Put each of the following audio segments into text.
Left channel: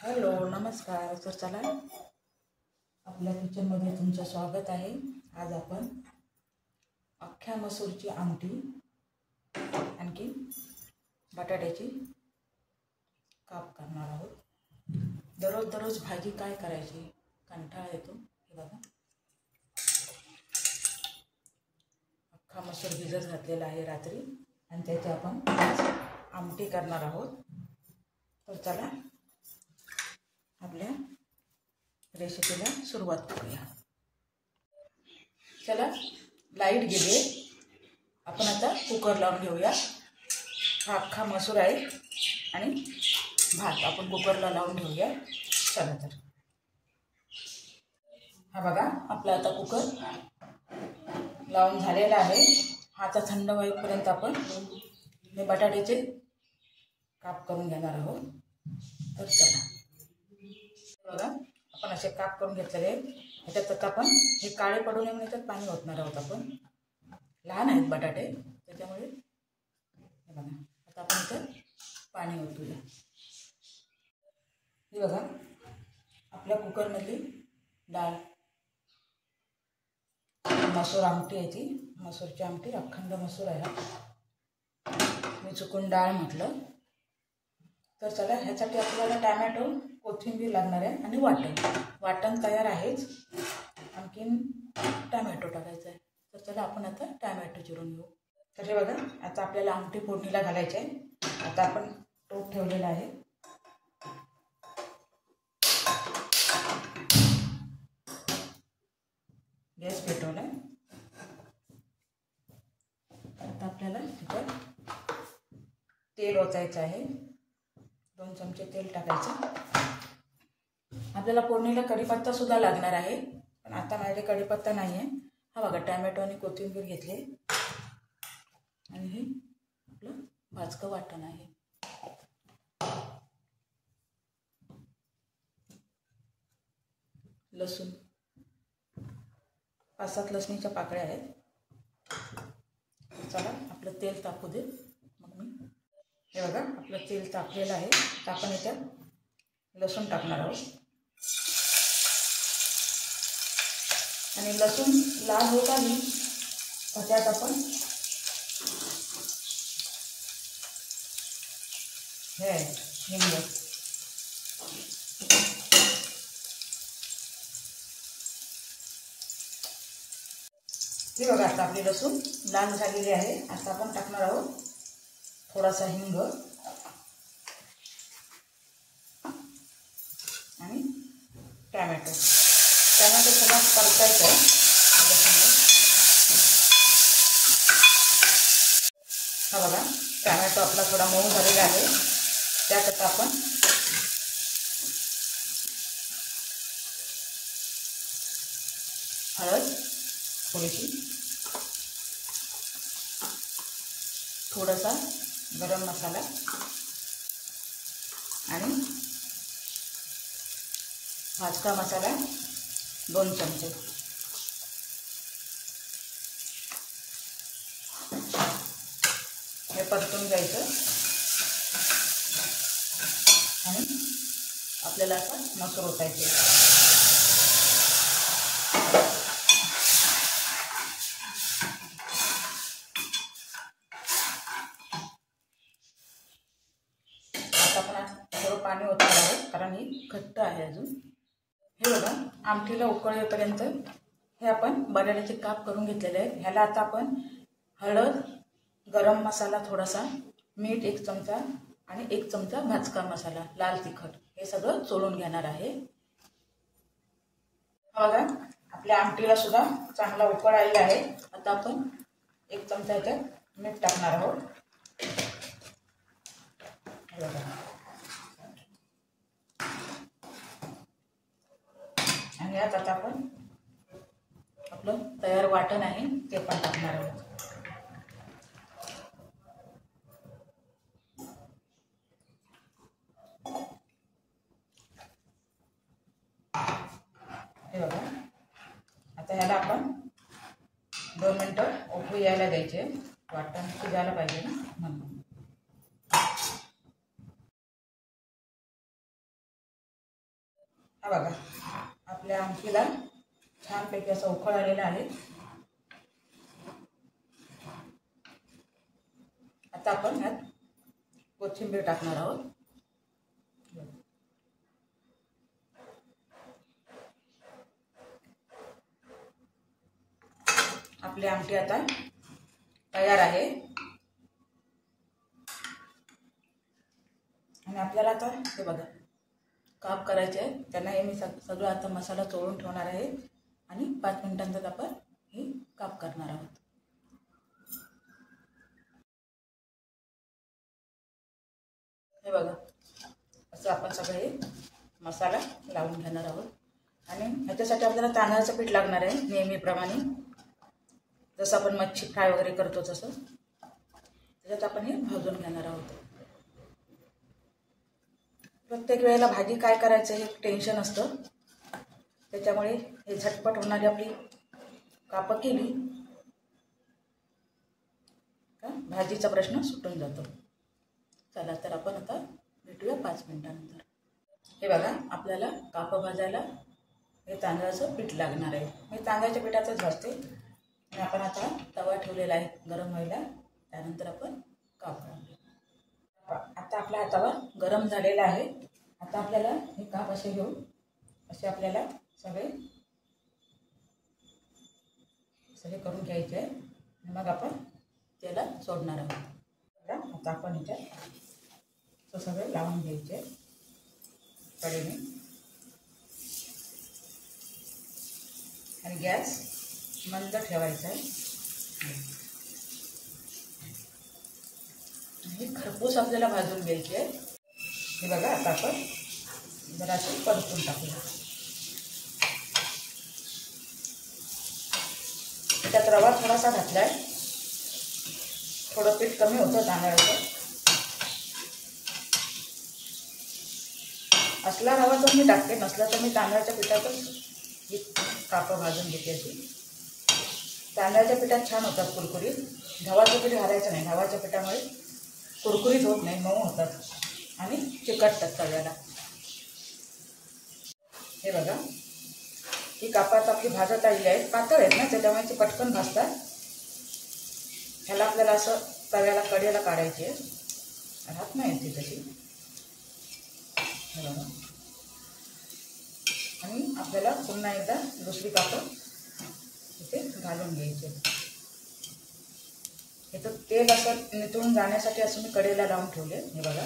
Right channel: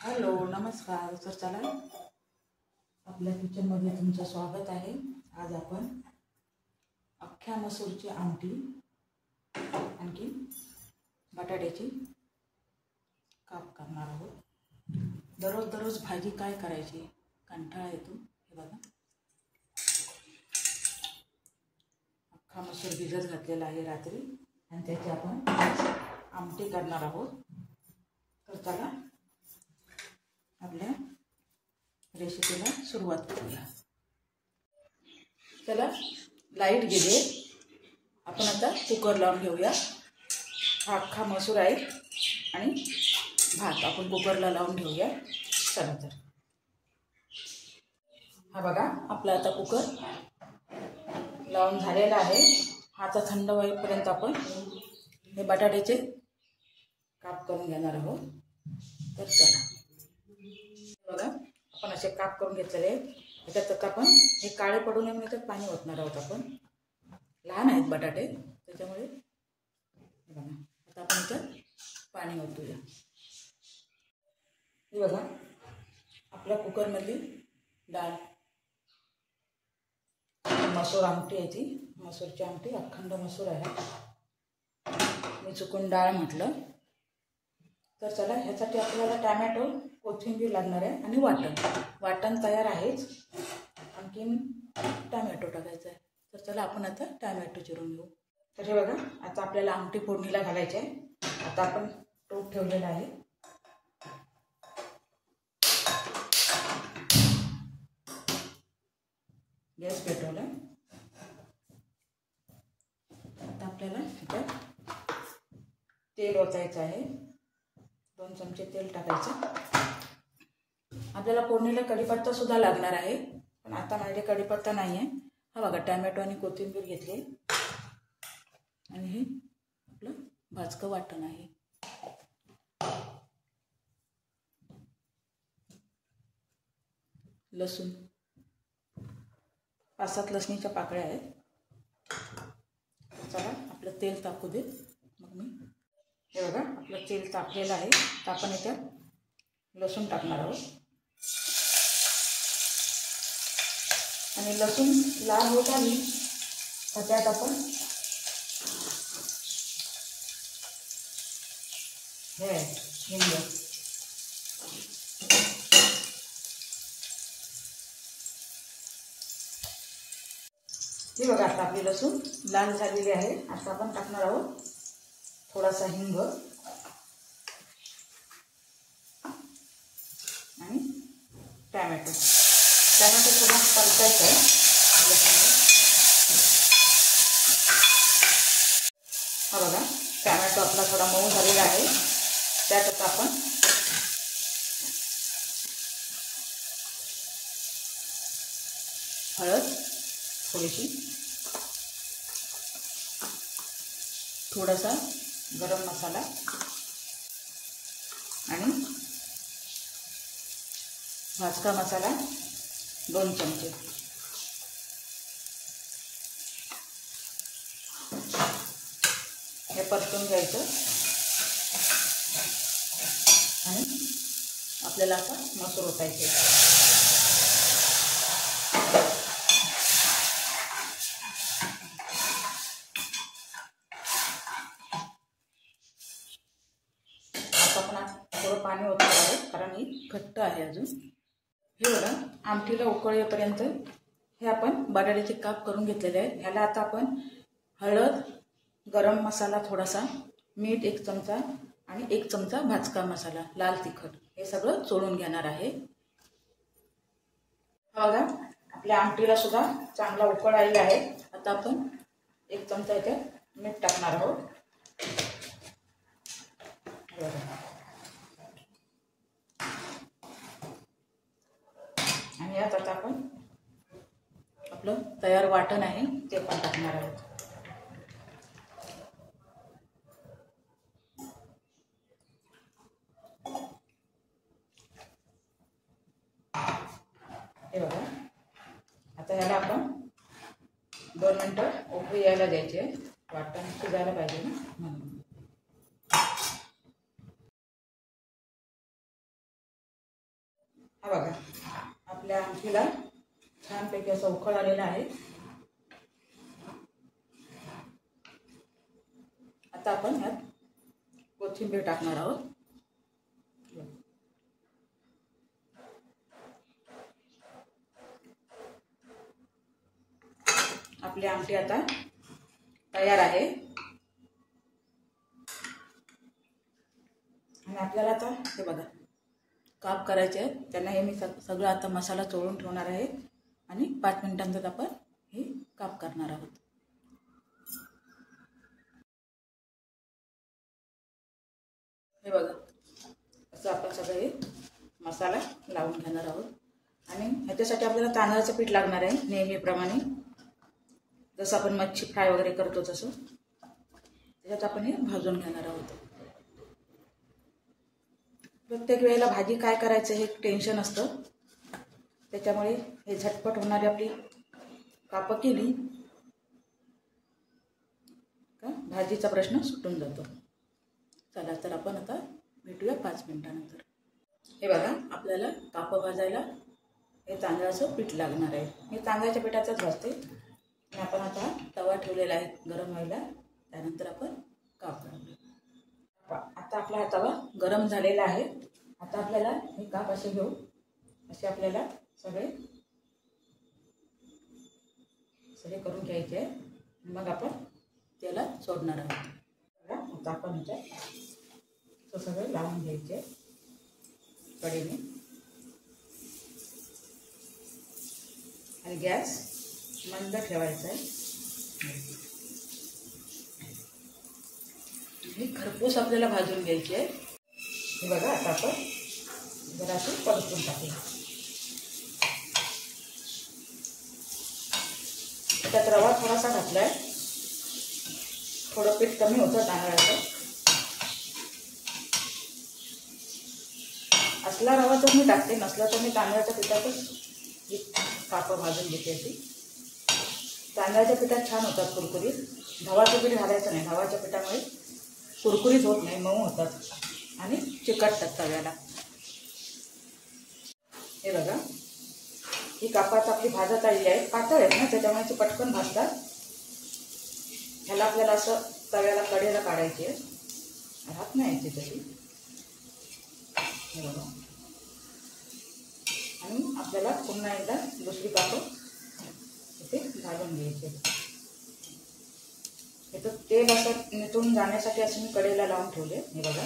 Hello नमस्कार. तर चला आपल्या किचनमध्ये तुमचं स्वागत आहे. आज आपण अख्ख्या मसूरची आमटी आणखी बटाट्याची काप करणार आहोत. दररोज दररोज भाजी काय करायची, कंटाळा येतो. हे बघा, अख्खा मसूर भिजत घातलेला आहे रात्री आणि त्याची आपण आमटी करणार आहोत. तर चला आपल्या रेसिपीला सुरुवात करूया. चला, लाईट गेली. आपण आता कुकर लावून घेऊया. हा अख्खा मसूर आहे आणि भात आपण कुकरला लावून घेऊया. चला तर, हा बघा आपला आता कुकर लावून झालेला आहे. हा आता थंड होईपर्यंत आपण हे बटाट्याचे काप करून घेणार आहोत. तर चला बघा, आपण असे काप करून घेतलेले. ह्याच्यात आपण हे काळे पडू नये म्हणून त्यात पाणी ओतणार आहोत. आपण लहान आहेत बटाटे, त्याच्यामुळे हे बघा आता आपण ह्याच्यात पाणी ओतूया. हे बघा आपल्या कुकरमधली डाळ, मसूर आमटी आहे. ती मसूरची आमटी, अखंड मसूर आहे. मी चुकून डाळ म्हटलं. तर चला, ह्यासाठी आपल्याला टॅमॅटो, कोथिंबीर लागणार आहे आणि वाटण तयार आहेच. आणखीन टॅमॅटो टाकायचा आहे. तर चला आपण आता टॅमॅटो चिरून घेऊ. तर हे बघा, आता आपल्याला आमटी फोडणीला घालायची आहे. आता आपण टोप ठेवलेला आहे. गॅस पेटवला. आता आपल्याला ह्याच्यात तेल ओतायचं आहे. 2 चमचे तेल टाकायचं. आपल्याला फोडणीला कढीपत्ता सुद्धा लागणार आहे, पण आता माझ्याकडे कढीपत्ता नाही आहे. हा बघा, टॅमॅटो आणि कोथिंबीर घेतले आणि हे आपलं भाजकं वाटण आहे. लसूण 5-7 लसणीच्या पाकळ्या आहेत. चला आपलं तेल तापू दे. मग मी हे बघा आपलं तेल तापलेलं आहे. तर आपण याच्यात लसूण टाकणार आहोत आणि लसूण लाल होत आली तर त्यात आपण हिंग, हे बघा आता आपली लसूण लाल झालेली आहे. आता आपण टाकणार आहोत थोडासा हिंग आणि टॅमॅटो थोडा परतायचा आहे. हा बघा, टॅमॅटो आपला थोडा मऊ झालेला आहे. त्यात आता आपण हळद थोडीशी, थोडासा गरम मसाला आणि भाजका मसाला 2 चमचे. हे परतून घ्यायचं आणि आपल्याला आता मसूर ओतायचे. आता आपण थोडं पाणी ओतणार आहोत कारण ही घट्ट आहे अजून. हे बघा, आमटीला उकळ येईपर्यंत हे आपण बटाट्याचे काप करून घेतलेले आहेत. ह्याला आता आपण हळद, गरम मसाला थोडासा, मीठ 1 चमचा आणि 1 चमचा भाजका मसाला, लाल तिखट, हे सगळं चोळून घेणार आहे. बघा आपल्या आमटीला सुद्धा चांगला उकळ आलेला आहे. आता आपण 1 चमचा याच्यात मीठ टाकणार आहोत. आणि यात आता आपण आपलं तयार वाटण आहे ते पण टाकणार आहोत. हे बघा, आता ह्याला आपण 2 मिनिटं उकळी यायला द्यायचे. वाटण शिजायला पाहिजे ना म्हणून. हा बघा, आपल्या आमटीला छानपैकी असा उकळ आलेला आहे. आता आपण ह्यात कोथिंबीर टाकणार आहोत. आपली आमटी आता तयार आहे. आणि आपल्याला आता हे बघा काप करायचे आहे. त्यांना हे मी सगळं आता मसाला चोळून ठेवणार आहे आणि 5 मिनिटांतच आपण हे काप करणार आहोत. हे बघा, असं आपण सगळे मसाला लावून घेणार आहोत. आणि ह्याच्यासाठी आपल्याला तांदळाचं पीठ लागणार आहे नेहमीप्रमाणे, जसं आपण मच्छी फ्राय वगैरे करतो तसं. त्याच्यात आपण हे भाजून घेणार आहोत. प्रत्येक वेळेला भाजी काय करायचं हे टेन्शन असतं, त्याच्यामुळे हे झटपट होणारी आपली कापं केली का भाजीचा प्रश्न सुटून जातो. चला तर आपण आता भेटूया 5 मिनिटानंतर. हे बघा, आपल्याला कापं भाजायला हे तांदळाचं पीठ लागणार आहे. मी तांदळाच्या पिठाचंच भाजते. आणि आपण आता तवा ठेवलेला आहे गरम व्हायला, त्यानंतर आपण काप घालूया. आता आपला हा तवा गरम झालेला आहे. आता आपल्याला हे काप असे घेऊन असे आपल्याला सगळे करून घ्यायचे आहे. मग आपण त्याला सोडणार आहोत. आता आपण ह्याच्यात सगळे लावून घ्यायचे कढईने. आणि गॅस मंद ठेवायचा आहे. हे खरपूस आपल्याला भाजून घ्यायची आहे. हे बघा, आता आपण जरासं परतून टाकूया. त्यात रवा थोडासा घातलाय, थोडं पीठ कमी होतं तांदळाचं. असला रवा तर मी टाकते, नसला तर मी तांदळाच्या पिठातच ही कापं भाजून घेते. अशी तांदळाच्या पिठात छान होतात कुरकुरीत. गव्हाचं पीठ घालायचं नाही, गव्हाच्या पिठामुळे कुरकुरीत होत नाही, मऊ होतात आणि चिकटतात तव्याला. हे बघा, ही कापात आपली भाजत आलेली आहे. पातळ आहेत ना, त्याच्यामुळे पटकन भाजतात. ह्याला आपल्याला असं तव्याला कडेला काढायची आहे, राहत नाही याची तशी. हे बघा, आणि आपल्याला पुन्हा एकदा दुसरी कापं इथे घालून घ्यायचे. हे तर तेल असं निथळून जाण्यासाठी असं मी कडेला लावून ठेवले. हे बघा,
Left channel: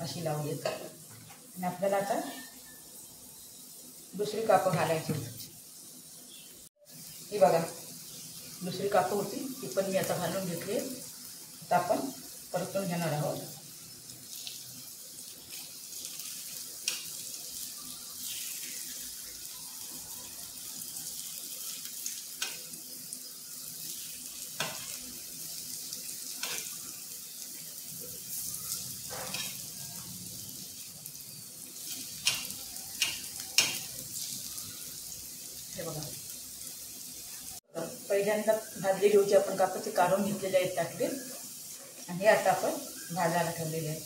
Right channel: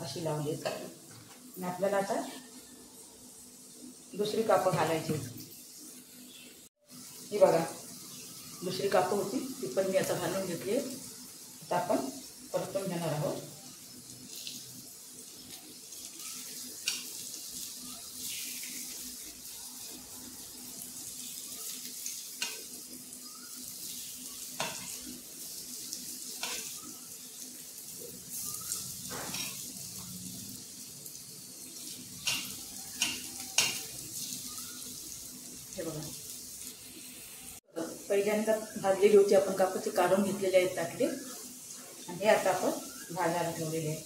अशी लावली. आणि आपल्याला आता दुसरी कापं घालायची. ही बघा, दुसरी कापं होती ती पण मी आता घालून घेतली. आता आपण परतून घेणार आहोत. हे बघा, पहिल्यांदा भाजलेली होती आपण कापं, ती काढून घेतलेली आहेत टाकले. आणि हे आता आपण भाजायला ठेवलेले आहे.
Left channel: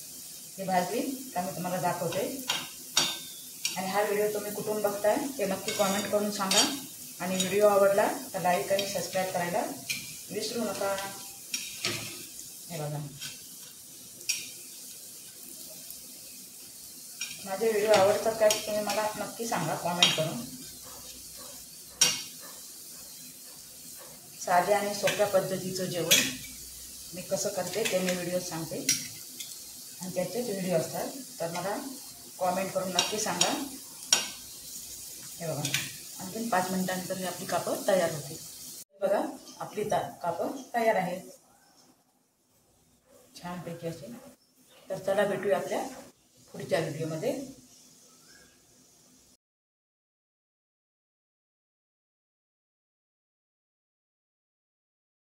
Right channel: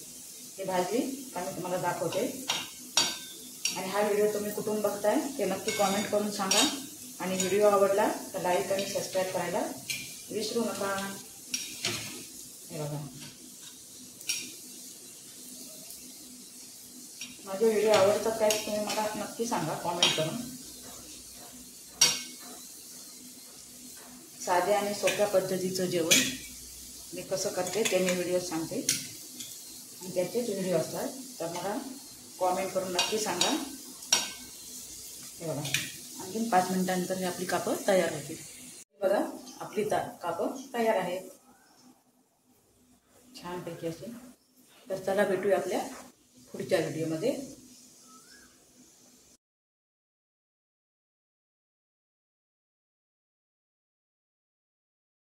हे भाजली का मी तुम्हाला दाखवते. आणि हा व्हिडिओ तुम्ही कुठून बघताय ते नक्की कॉमेंट करून सांगा. आणि व्हिडिओ आवडला तर लाईक आणि सबस्क्राईब करायला विसरू नका. हे बघा, माझे व्हिडिओ आवडतात काय तुम्ही मला नक्की सांगा कॉमेंट करून. साध्या आणि सोप्या पद्धतीचं जेवण मी कसं करते ते मी व्हिडिओ सांगते, आणि त्याचेच व्हिडिओ असतात, तर मला कॉमेंट करून नक्की सांगा. हे बघा, आणखीन 5 मिनिटांनंतर ही आपली कापं तयार होतील. बघा, आपली कापं तयार आहेत छानपैकी असे. तर चला भेटूया आपल्या पुढच्या व्हिडिओमध्ये.